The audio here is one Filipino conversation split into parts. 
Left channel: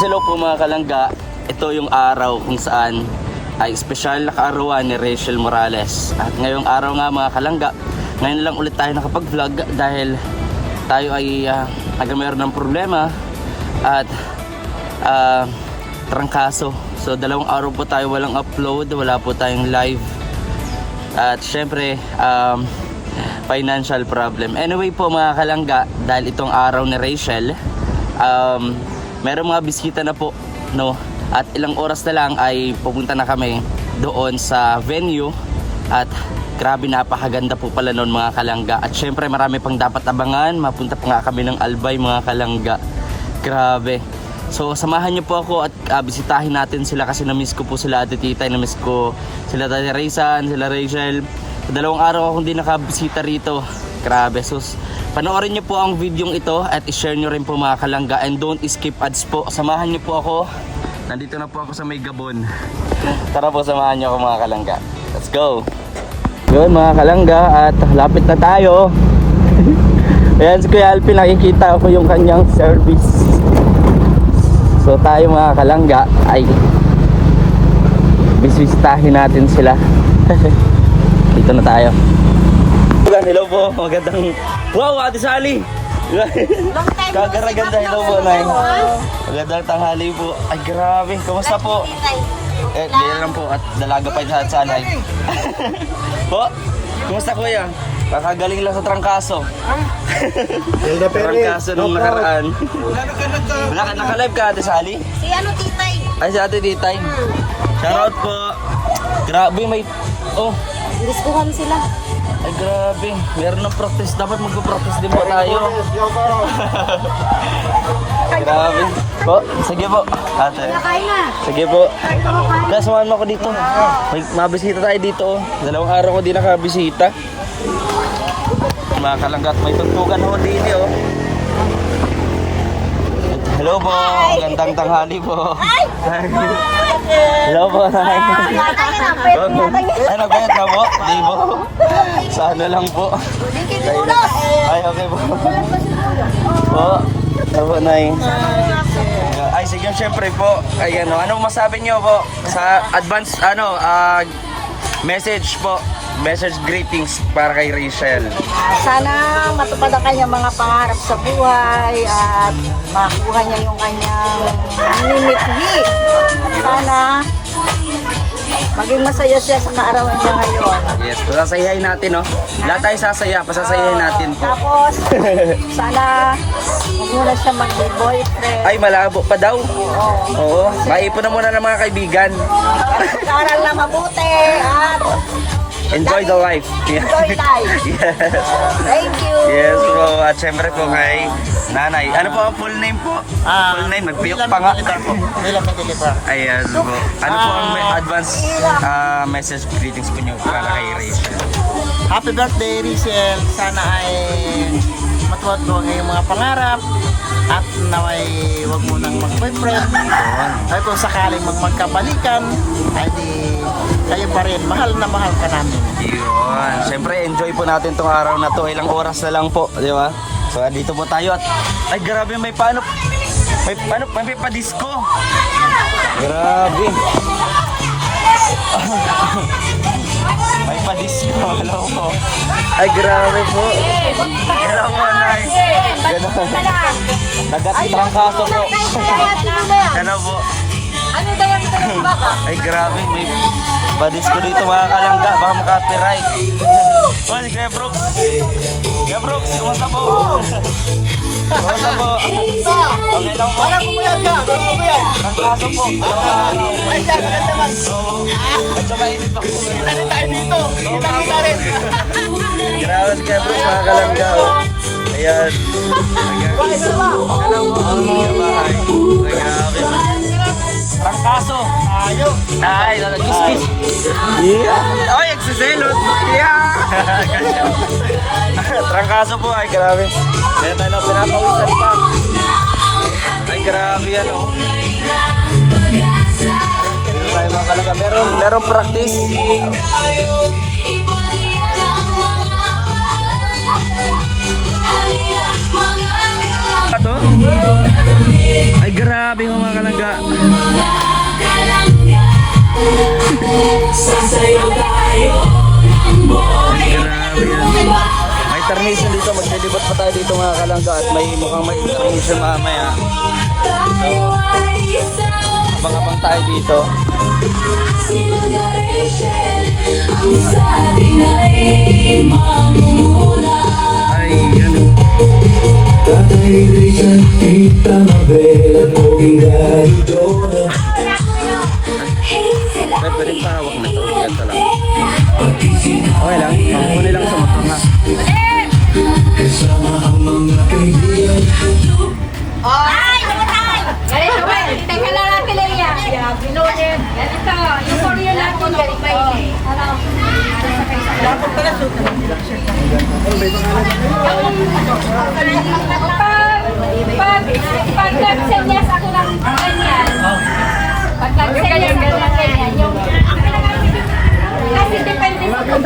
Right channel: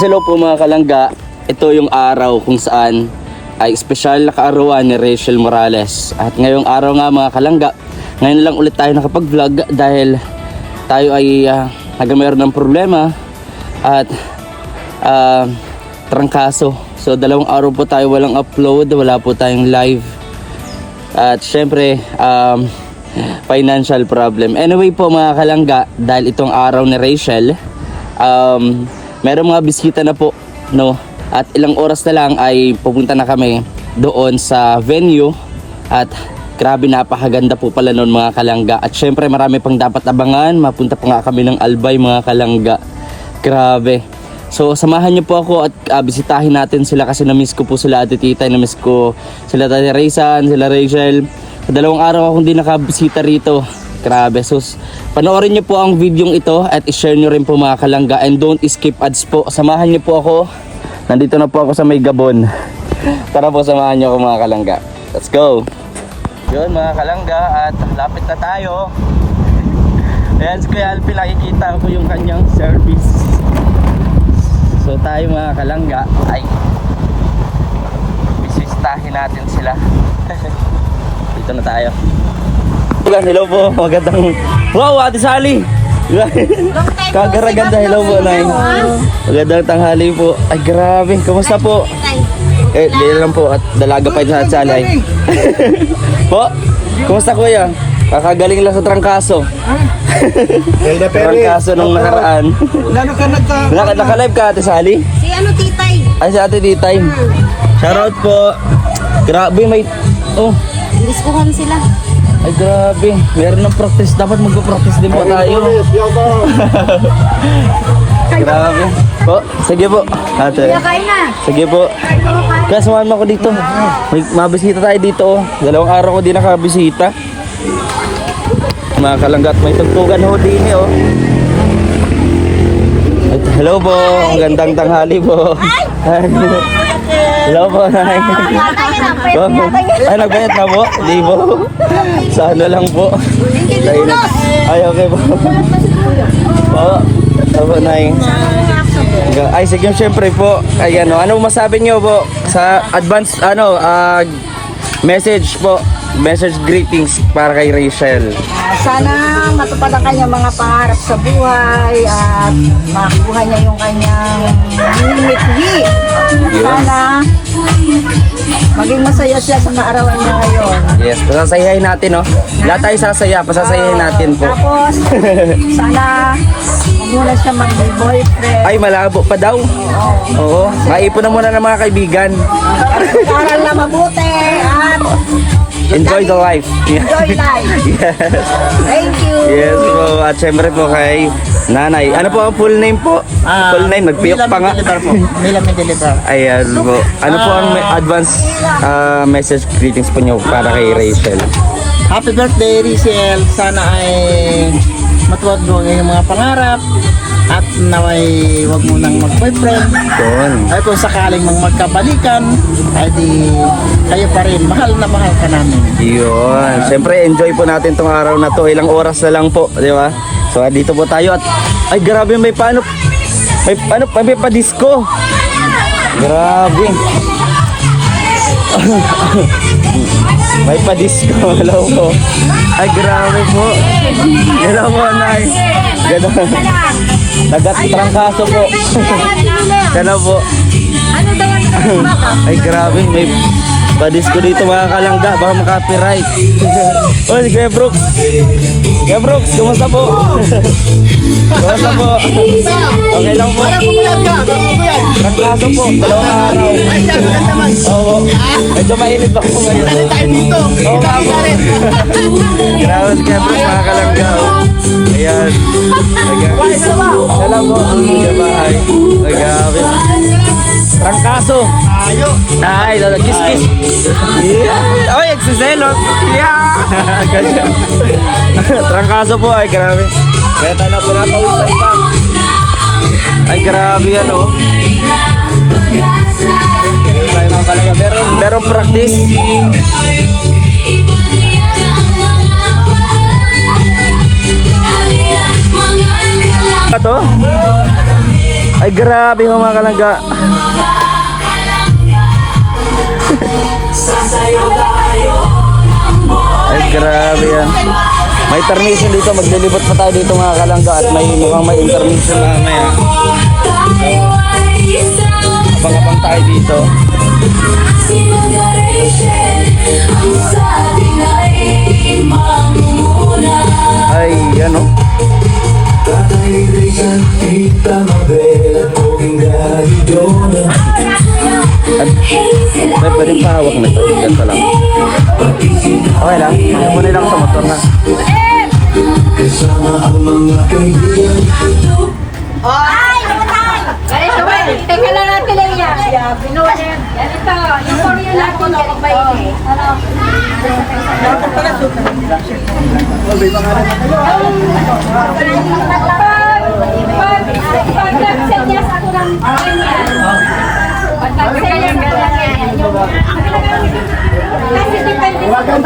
Hello po mga kalangga, ito yung araw kung saan ay espesyal na kaarawan ni Rachel Morales. At ngayong araw nga mga kalangga, ngayon lang ulit tayo nakapag-vlog dahil tayo ay mayroon ng problema at trangkaso. So 2 araw po tayo walang upload, wala po tayong live. At syempre financial problem. Anyway po mga kalangga, dahil itong araw ni Rachel, meron mga bisita na po, no? At ilang oras na lang ay pupunta na kami doon sa venue. At grabe, napakaganda po pala noon mga kalangga. At syempre marami pang dapat abangan. Mapunta pa nga kami ng Albay mga kalangga. Grabe. So samahan niyo po ako at bisitahin natin sila kasi na-miss ko po sila Ate Titay. Na-miss ko sila Ate Raysan, sila Rachel. 2 araw akong di nakabisita rito. Grabe. So panoorin niyo po ang video ito at i-share niyo rin po mga kalangga. And don't skip ads po. Samahan niyo po ako. Nandito na po ako sa may Gabon. Tara po, samahan niyo ako mga kalangga. Let's go. Yun mga kalangga, at lapit na tayo. Ayan si Kuya Alpin, nakikita ko yung kanyang service. So tayo mga kalangga ay bisitahin natin sila. Dito na tayo. Hello po, magandang... Wow, Ate Sally! Kagaraganda, hello po, Nay. Magandang tanghali po. Ay, grabe, kumusta po? Di lang po, at dalaga pa ito sa Sally. Po, kumusta kuya? Kakagaling lang sa trangkaso. Trangkaso nung nakaraan. Naka-live ka, Ate Sally? Si ano, Titay? Ay, si Ate Titay. Shoutout po. Grabe, may... Oh. Ilis ko kami sila. Ay grabe, meron ng practice. Dapat mag-practice din po tayo. Grabe. Po, sige po. Ate. Kain na. Sige po. Kaya sumama ko dito. May mabisita tayo dito. 2 araw ko din nakabisita. Mga kalanggat, may tugtugan ho din eh. Hello po, magandang tanghali po. Hello po, Nay. Ay, nagbayad na po? Di po. Sa ano lang po. Ay, okay po. Po, Nay. Ay, sige, syempre po. Ay, ano masabi nyo po sa advance, message po. Message greetings para kay Rachel. Sana matupad ang kanyang mga pangarap sa buhay at makuha niya yung kanyang limit-wi. Sana maging masaya siya sa kaarawan niya ngayon. Yes, pasasayahin natin, no? Lahat tayo sasaya, pasasayahin natin po. Tapos, sana huwag muna siya mag-boyfriend. Ay, malabo pa daw. Oo, maipon na muna ng mga kaibigan. Aral na mabuti at Enjoy the life. enjoy life. Yes. Thank you. Yes po. At syempre po kay Nanay. Ano po ang full name po? Full name, nagpiyok pa nga. Mila Deliver. Ayan po. Ano po ang advance message greetings po nyo para kay Rachel? Happy birthday, Rachel. Sana ay matuwad mo ang iyong mga pangarap at naway wag mo nang mag-boyfriend. Yun. Ay kung sakaling magkabalikan, ay di kayo pa rin. Mahal na mahal ka namin. Yun. Siyempre, enjoy po natin tong araw na to. Ilang oras na lang po, di ba? So, dito po tayo at ay grabe, may pa-disco. Grabe. May pa-disco. Hello po. Ay grabe po. Hello po, Nay. Nagtrangkaso po. Hello po. Ano daw ang baka? Ay grabe, may pa-disco dito mga kalangga. Baka maka-copyright. Oh, si Kuya Brooks. Kuya Brooks, kumusta po? Kumusta po? Okay lang po. Trangkaso po, 2 araw. Oo. Medyo mainit ako ngayon. Oo nga po. Grabe si Kuya Brooks, mga kalangga. Ayan. Salam po. Magabahay. Magabi. Trangkaso. Ay, kiss-kiss. Yeah. Oy, egsiselot. Yeah. Ganyan. Trangkaso po, ay grabe. Kaya tayo na pinakawisan pa. Ay grabe yan, oh. Meron tayo mga kalangga. Meron practice. Ito? Ay Ay, grabe mga kalangga. Ay, grabe yan. May intermission dito. Maglilibot pa tayo dito mga kalangga. At may intermission mamaya. So, abang-abang tayo dito. Ay, yan o. May pwedeng pahawak na ito. Ganito lang. Okay lang. Muli lang sa motor na. Ay! Ganito, teka lang natin lang yan. Ganito, yung Korean natin, ganito ba yun? Pag nag-send niya sa akin ng ganyan. Pag nag-send niya sa akin ng ganyan. Kasi depende sa kung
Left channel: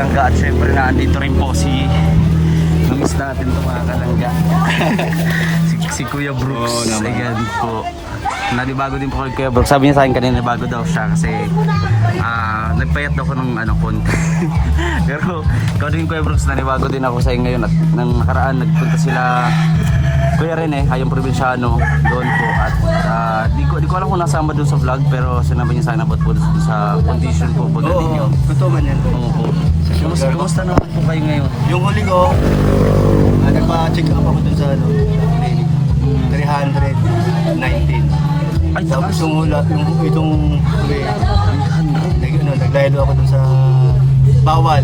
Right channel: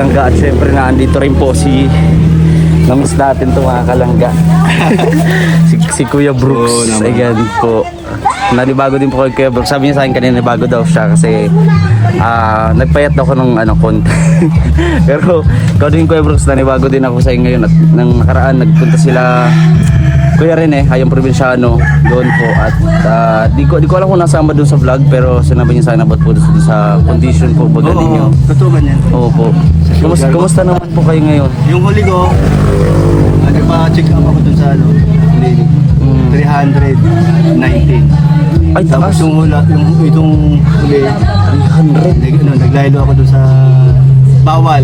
Kalangga at syempre naandito rin po si namiss natin ito mga kalangga. si Kuya Brooks. Ayan po. Nanibago din po kay Kuya Brooks. Sabi niya sa akin kanina bago daw siya kasi nagpayat daw ko ng konti. Pero ikaw din Kuya Brooks, nanibago din ako sa inyo ngayon at nang nakaraan nagpunta sila Kuya rin Hayang Probinsyano doon po at di ko alam kung nasama doon sa vlog pero sinabi niya sa akin about po doon sa condition po baga ninyo. Totoo ba yan? Opo. Kumusta naman po kayo ngayon? Yung huli ko, nagpa-check up ako dun sa 319. Ay, Tapos taas. itong huli, 300. naglaylo ako dun sa bawal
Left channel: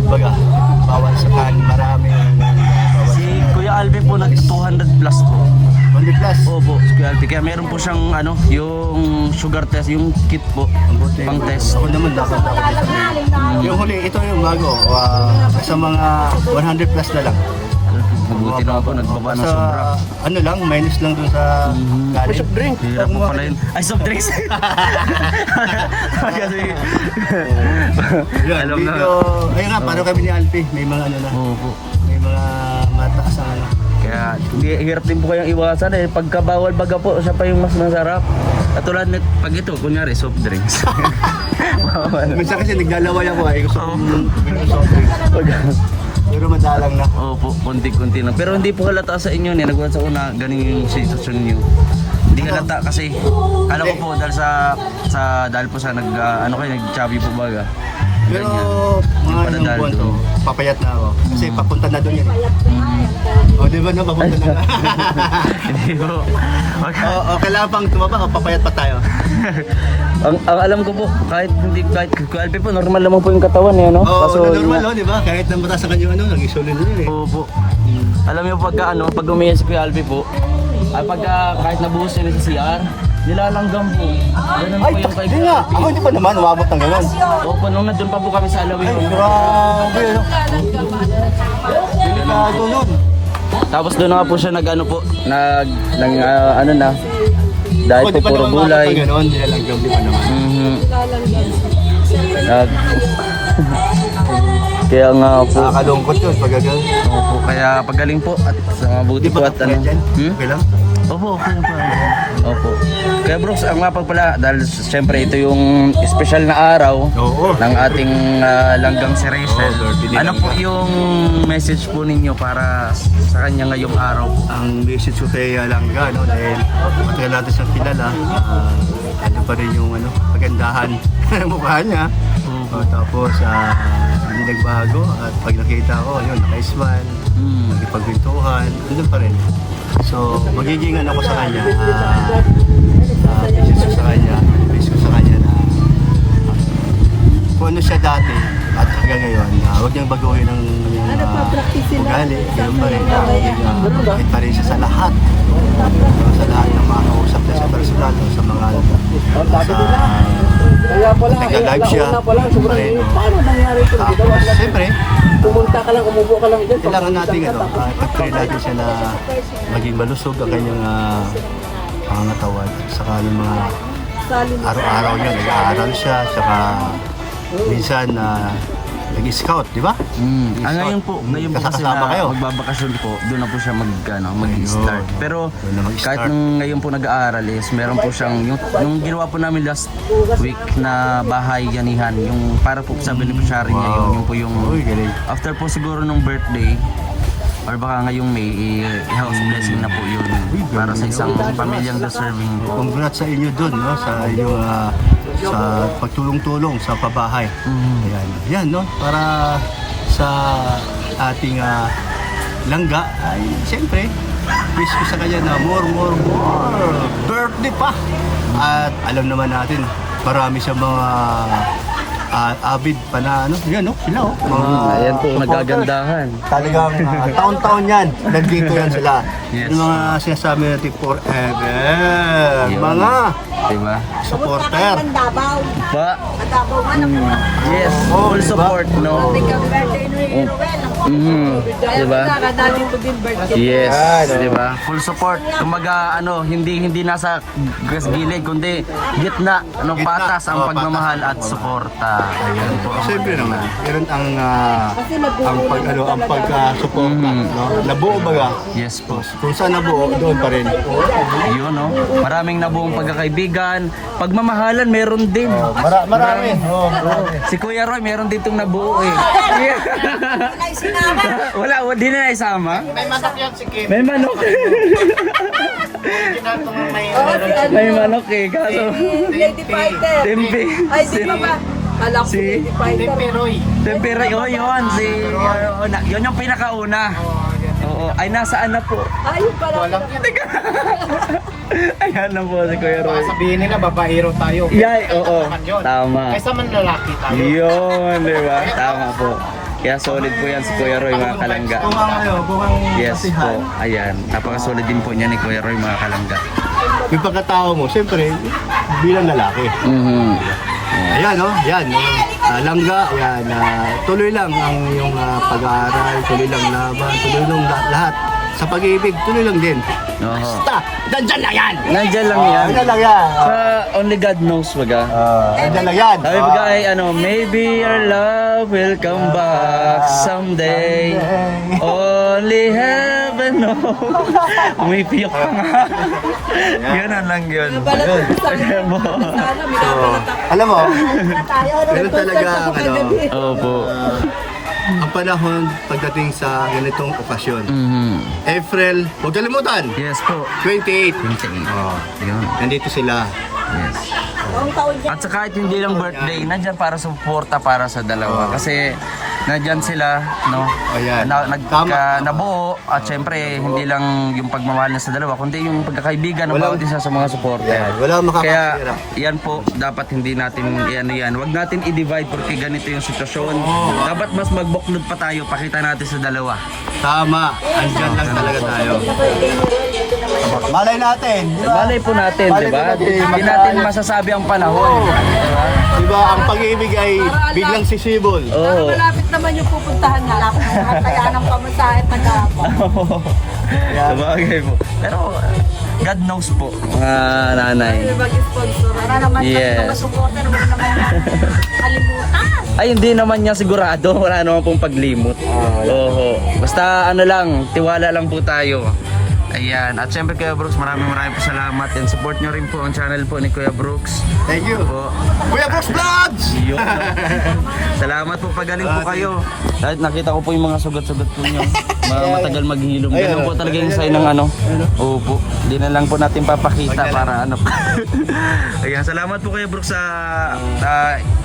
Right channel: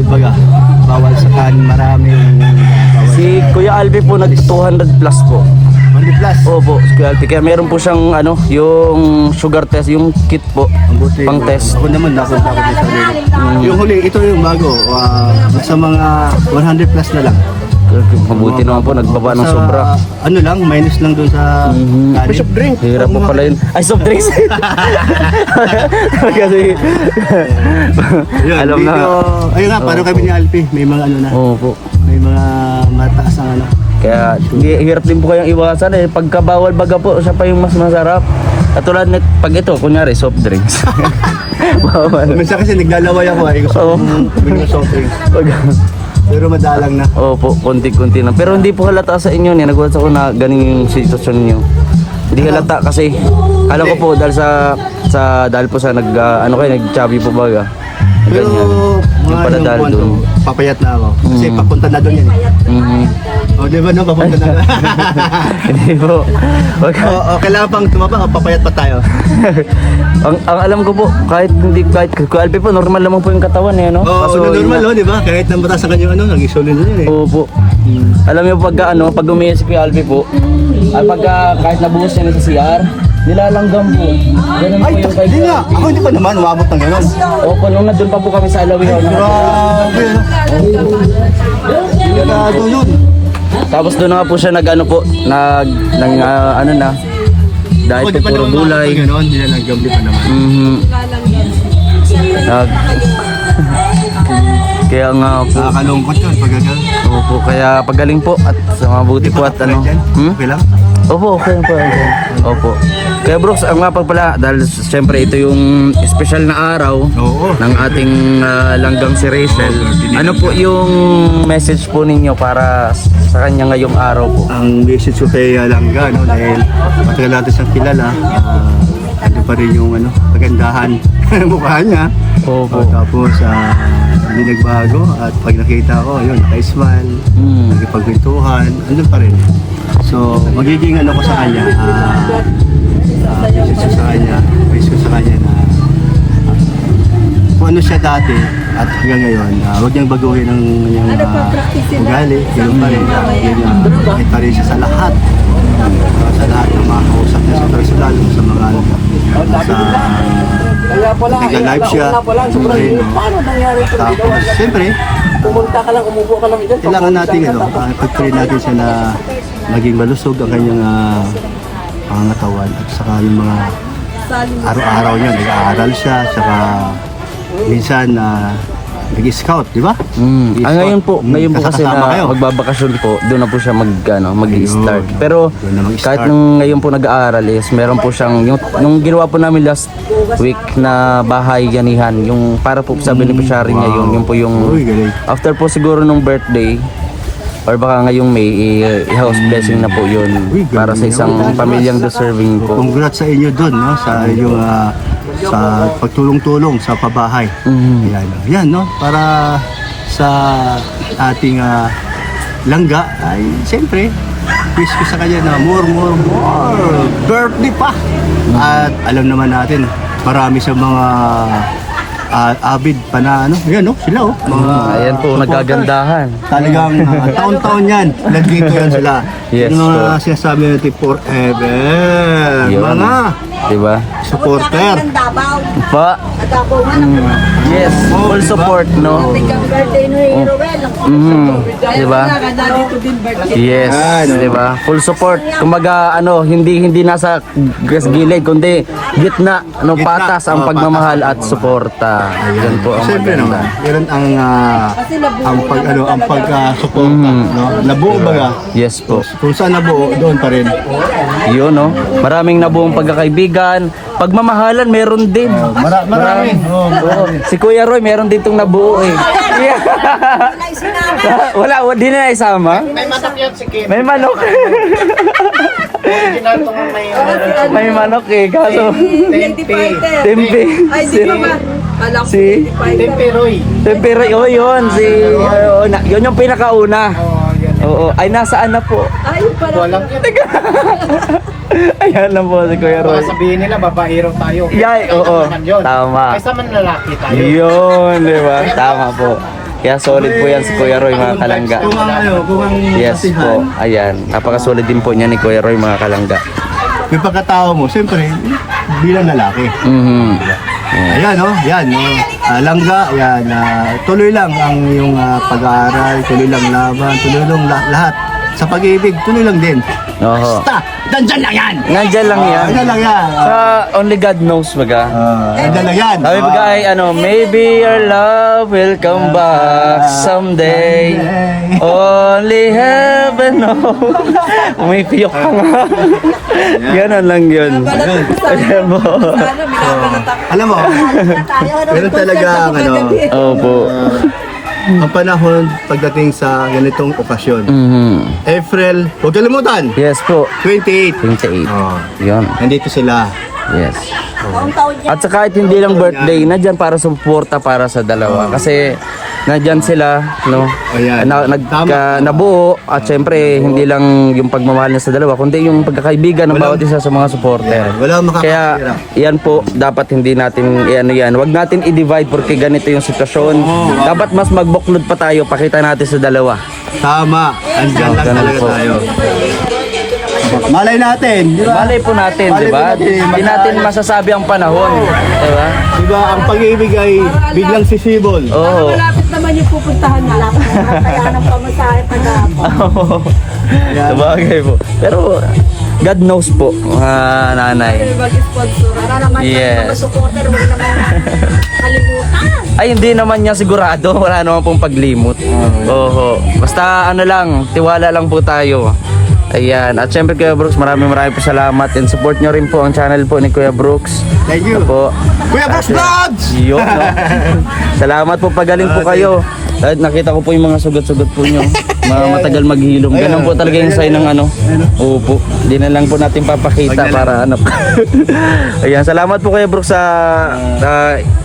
sa kanin marami. Si Kuya Albi po nag 200 plus po. 100 plus. Opo, si Kuya Albi. Kaya meron po siyang yung sugar test, yung kit po. Ang buti. Pang test. Ako naman, nakunta ako din sa huli. Yung huli, ito yung bago. Sa mga 100 plus na lang. Mabuti naman po, nagbaba ng sobra. Ano lang, minus lang dun sa kanin. Soft drink. Hirap po pala yun. Ay, soft drinks. Kasi, Yun, alam na. Ayun nga, paano kami ni Alpi? May mga ano na. Opo. May mga mataas ang ano. Kaya hirap din po kayong iwasan pagka bawal baga po siya pa yung mas masarap. Katulad net pag ito kunyari soft drinks. Bawal. Minsan kasi naglalaway ako gusto Oo. kong bumili ng soft drink. Pero madalang na. Opo, konti-konti lang. Pero hindi po halata sa inyo nagulat ako na ganing yung sitwasyon niyo. Hindi halata kasi alam ko po dahil po sa nag-chubby po baga. Pero Yung mga pala ilang dahil buwan doon. to, papayat na ako. Kasi papunta na doon yan. Mhm. O di ba no, papunta na doon. Hindi po. Wag O kailangan pang tumaba o papayat pa tayo. ang alam ko po, kahit Alpi po, normal naman po yung katawan no? Oo, normal no, di ba? Kahit nang batas ang kanyang nag-isolin na yun Opo. Alam niyo pag umiis si Kuya Alpi po, kahit nabuhos niya sa CR, nilalanggam po. Ganun po yung kay Hindi Kuya nga, Alpi. ako hindi pa naman umabot ng gano'n. Opo, nung nandun pa po kami sa Alawihaw. Grabe, no? Grabe yun. Tapos doon na nga po siya nag-ano po, ano na. Dahil Ako di pa naman gulay. makakapag gano'n, nilalanggam di pa naman. Kaya nga po. Nakakalungkot yun pag gano'n. Opo, kaya pagaling po at sa mabuti po at ano. dyan? Hmm? Okay lang? Opo, okay po. Opo. Kaya Brooks, ang nga pala, dahil siyempre ito yung special na araw Oo. ng ating langgang si Rachel. Ano po yung message po ninyo para sa kanya ngayong araw po? Ang message ko kay Langga, no, dahil matagal natin siyang kilala, ano pa rin yung kagandahan mukha niya. Opo. Tapos hindi nagbago at pag nakita ko, yun, naka-smile, nagkipagkwentuhan, andun pa rin. So, magiging ko sa kanya, message ko sa kanya na kung ano siya dati at hanggang ngayon, huwag niyang baguhin ang kanyang ugali, ganoon pa rin, mabait pa rin siya sa lahat. Sa lahat ng mga kausap niya sa personal, sa mga nag-live siya, pa rin, no? Tapos, siyempre, kailangan natin, pag-train natin siya na maging malusog ang kanyang pangangatawan at saka yung mga araw-araw niya, nag-aaral siya, saka minsan nag-scout, di ba? Ngayon po kasi Kasama na kayo. magbabakasyon po, doon na po siya mag-start. Ayun. Pero Doon na mag-start. kahit nung ngayon po nag-aaral is meron po siyang nung ginawa po namin last week na bahay ganihan, yung para po sa beneficiary niya yun po yung Uy, galing. after po siguro nung birthday or baka ngayong May i-house blessing na po yun Uy, galing para sa isang naman. pamilyang deserving po. Congrats sa inyo doon, no? Sa inyong sa pagtulong-tulong sa pabahay. Yan, no? Para sa ating langga ay siyempre wish ko sa kanya na more birthday pa. At alam naman natin marami sa mga avid pa na yan, no? Sila, mga Ayan po, nagagandahan. talagang taon-taon yan. Nandito yan sila. Yes, yung mga po. sinasabi natin forever. Yun. Mga Diba? supporter. Pa, Nagkapo man ako. yes, full support, no? Ang birthday ni Roel. Diba? Dati ko din birthday. Yes, di ba? Full support. Kumbaga hindi nasa gilid kundi gitna, Gitna. patas ang pagmamahal at suporta. Yan po ang Siyempre maganda. naman, yan ang pag-suporta, no? Nabuo baga. Yes po. Kung saan nabuo, doon pa rin. Yun, no? Maraming nabuong pagkakaibigan. Pagmamahalan, meron din. Marami. Si Kuya Roy, meron din itong nabuo eh. Wala, di na isama. May manok yun si Kim. May manok. Original to nga may May manok eh. Kaso, Tempe. tempe. Ay, di naman. Alam ko. Si Tempe Roy. Tempero, oh yun, yun yung pinakauna. Oo, ay nasaan na po? Ayun pala. Walang yun. Ayan na po si Kuya Roy. Baka sabihin nila, babaero tayo. Yay, oo. Naman yun. Tama. Kaysa man lalaki tayo. Yun, di ba? Tama po. Kaya solid po yan si Kuya Roy, mga kalangga. Kung ang Yes po, ayan. Napakasolid din po niya ni Kuya Roy, mga kalangga. yung pagkatao mo, siyempre, bilang lalaki. Ayan, no? Yan, no? Langga, ayan. Tuloy lang ang iyong pag-aaral, tuloy lang laban, tuloy lang lahat. Sa pag-ibig, tuloy lang din. Oo. Basta, nandyan lang yan! Nandyan lang yan. Nandyan lang yan! Only God knows, maga. Nandyan lang yan! Sabi mo guy, maybe your love will come back someday. Only heaven knows. May piyok pa nga. Ganon lang yun. Ayan mo. Alam mo, meron talaga Opo. ang panahon pagdating sa ganitong okasyon. April, huwag kalimutan, Yes po. 28. 28. Oh, Yun. nandito sila. Yes. At sa kahit hindi lang birthday, nandyan para suporta para sa dalawa. Kasi nandyan sila, no? Ayan. Tama. Nabuo at syempre hindi lang yung pagmamahal niya sa dalawa, kundi yung pagkakaibigan ng bawat isa sa mga suporta. Ayan, walang Kaya makakasira. yan po, dapat hindi natin yan. Wag natin i-divide porque ganito yung sitwasyon. Dapat mas magbuklod pa tayo, pakita natin sa dalawa. Tama, andyan lang ganun talaga po. tayo. Malay natin, di ba? Malay po natin, Malay di po ba? natin. Hindi natin masasabi ang panahon, di ba? Diba, ang pag-ibig ay biglang sisibol. Oo. Malapit naman yung pupuntahan niya. Malapit naman kaya ng pamasahe taga-ako. Sabagay po. Pero God knows po, mga nanay. Mag-sponsor. Para naman sa Yes. mga supporter, huwag naman kalimutan. Ay, hindi naman niya sigurado. Wala naman pong paglimot. Oo. Basta ano lang, tiwala lang po tayo. Ayan. At syempre Kuya Brooks, maraming po salamat. And support nyo rin po ang channel po ni Kuya Brooks. Thank you. Po. Kuya Brooks Vlogs! Yun, no? Salamat po, pagaling po kayo. At nakita ko po yung mga sugat-sugat po nyo. Matagal maghilom. Ganun po talaga yung sign ng ano. Opo. Hindi na lang po natin papakita para ano. Ayan, salamat po Kuya Brooks sa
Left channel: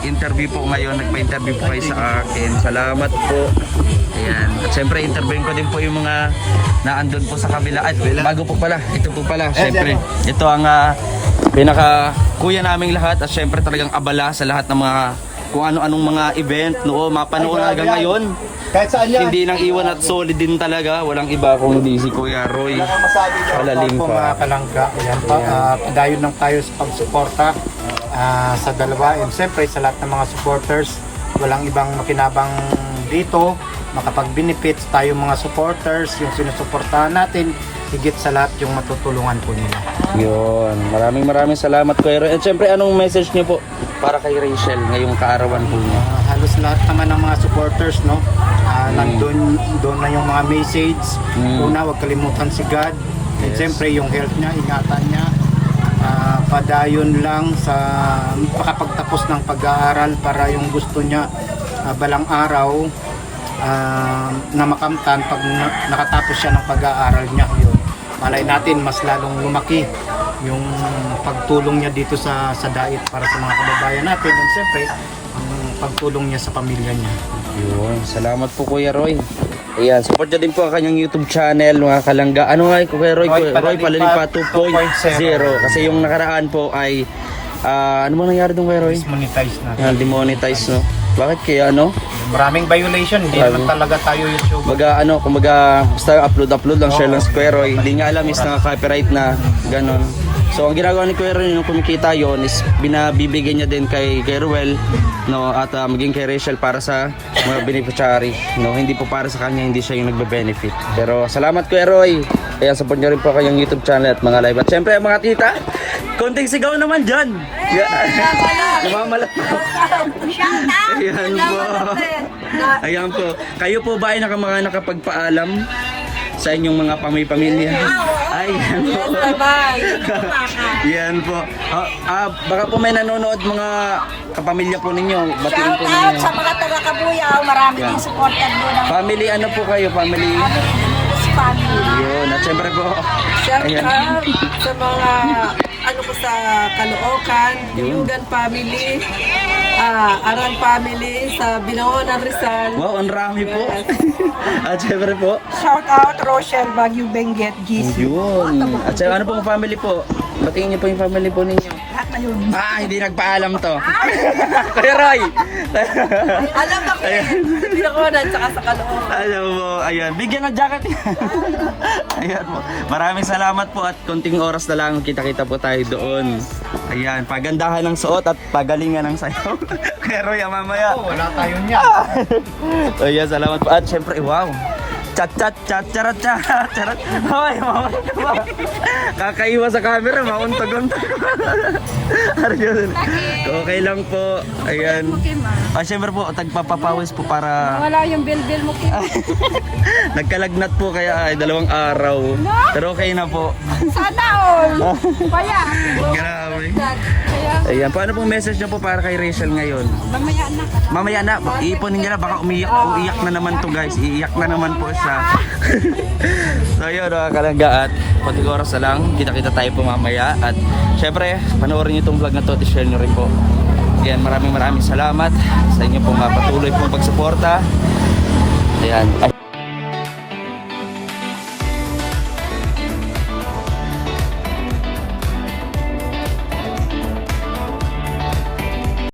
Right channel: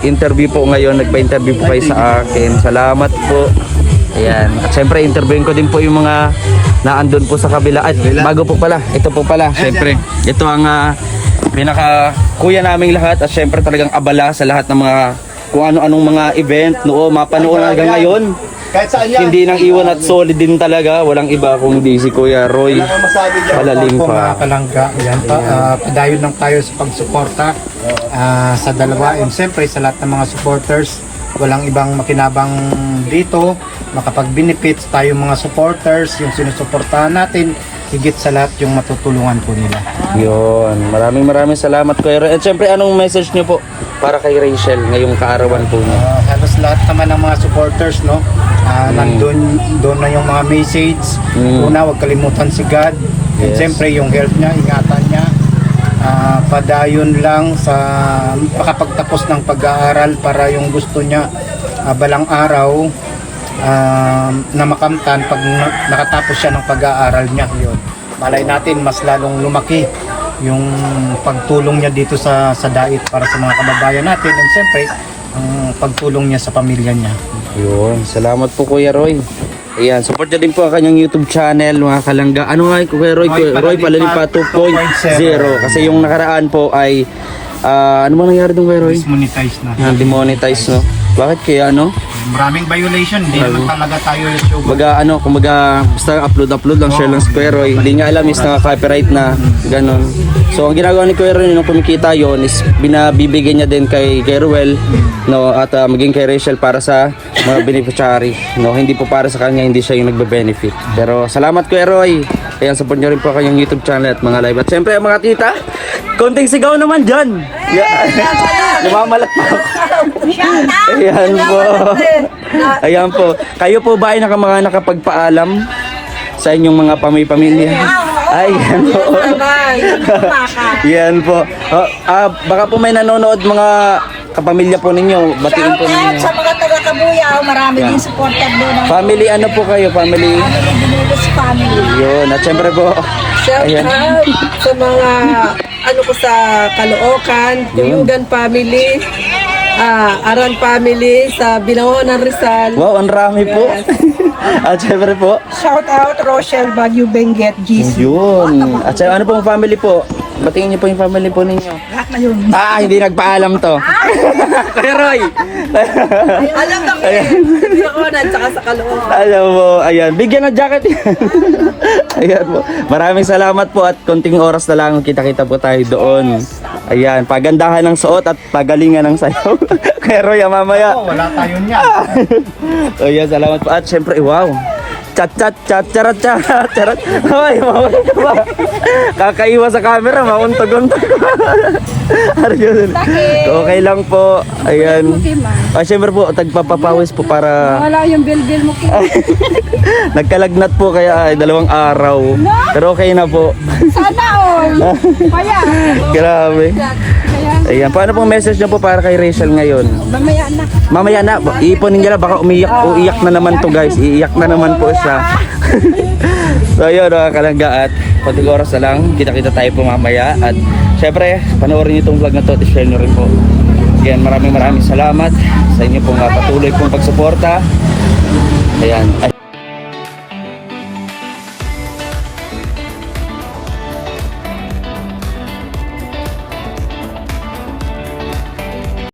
interview po ngayon. Nagpa-interview po kayo sa akin. Salamat po. Ayan. At syempre, interviewin ko din po yung mga naandun po sa kabila. At bago po pala, ito po pala. Syempre, ito ang pinaka kuya naming lahat. At syempre talagang abala sa lahat ng mga kung ano-anong mga event. Mapanood hanggang ngayon. Kahit saan yan. Hindi nang iwan at solid din talaga. Walang iba kundi si Kuya Roy. Wala kang masabi dyan. Malalim po mga pa. kalangga, ayan pa, padayon lang tayo sa pagsuporta sa dalawa, and siyempre sa lahat ng mga supporters, walang ibang makinabang dito, makapag-benefits tayo mga supporters, yung sinusuportahan natin, higit sa lahat yung matutulungan po nila. Yun. Maraming salamat Kuya Roy. At syempre, anong message niyo po para kay Rachel ngayong kaarawan po niyo? Halos lahat naman ng mga supporters, no? Nandun doon na yung mga message. Una, huwag kalimutan si God. And Yes. siyempre yung health niya, ingatan niya. Padayon lang sa makapagtapos ng pag-aaral para yung gusto niya balang araw na makamtan pag nakatapos siya ng pag-aaral niya. Yun. Malay natin mas lalong lumaki yung pagtulong niya dito sa DAIT para sa mga kababayan natin, and siyempre ang pagtulong niya sa pamilya niya. Yun. Salamat po Kuya Roy. Ayan, support nyo din po ang kanyang YouTube channel, mga kalangga. Ano nga Kuya Roy? Roy Palalipa 2.0. Kasi yung nakaraan po ay ano ba nangyari doon Kuya Roy? Monetize na. Demonetize, no? Bakit kaya ano? Maraming violation, hindi naman talaga tayo YouTube. Kumbaga, basta upload lang, share lang si Kuya Roy. Hindi niya alam is naka-copyright na, ganon. So, ang ginagawa ni Kuya Roy nung kumikita yon is binabibigay niya din kay Ruel, no, at maging kay Rachel para sa mga beneficiary. No, hindi po para sa kanya, hindi siya yung nagbe-benefit. Pero salamat Kuya Roy. Kaya support niyo rin po kanyang YouTube channel at mga live. At syempre, mga tita, konting sigaw naman dyan. Lumamalat pa. Ayan po. Ayan po. Kayo po ba ay nakapagpaalam sa inyong mga pamilya? Ayan po. Yan po. Baka po may nanonood mga kapamilya po ninyo. Batiin po Shout out ninyo. sa mga taga-Kabuyaw. Marami din supporter doon. Family, ano po kayo? Family. Dinulos family. Yun. At syempre po. Shout Ayan. out sa mga ano ko sa Caloocan, Tuyugan family, Aran family, sa Binangonan Rizal. Wow, ang rami po. At syempre po. Shout out Rochelle Baguio Benguet GC. Yun. At syempre, ano pong family po? Batiin niyo po yung family po ninyo. Lahat na yun. Hindi nagpaalam to. Kaya Roy. Alam na ko Binangonan tsaka sa Caloocan. Alam mo, ayan, bigyan ng jacket yan. Ayan po. Maraming salamat po at konting oras na lang kita-kita po tayo doon. Ayan, pagandahan ng suot at pagalingan ng sayaw. Kaya Roy, mamaya. Wala tayo niya. Ayan, salamat po. At syempre, wow. Chat, charat. Ay, mawala ka ba? Kakaiwas sa camera, mauntog-untog. Arjun. Okay lang po. Ayan. Syempre po, tagpapapawis po para Wala yung bil-bil mo. nagkalagnat po kaya ay 2 araw. Pero okay na po. Sana all. Kaya. Grabe. Ayan, paano pong message niyo po para kay Rachel ngayon? Mamaya na. Mamaya na, iiponin niya na, baka uiyak na naman to guys. Iiyak na naman po siya. So yun, mga kalangga, at konting oras na lang, kita-kita tayo po mamaya. At syempre, panoorin niyo itong vlog na to, share niyo rin po. Again, maraming salamat sa inyo pong patuloy pong pagsuporta. Ayan,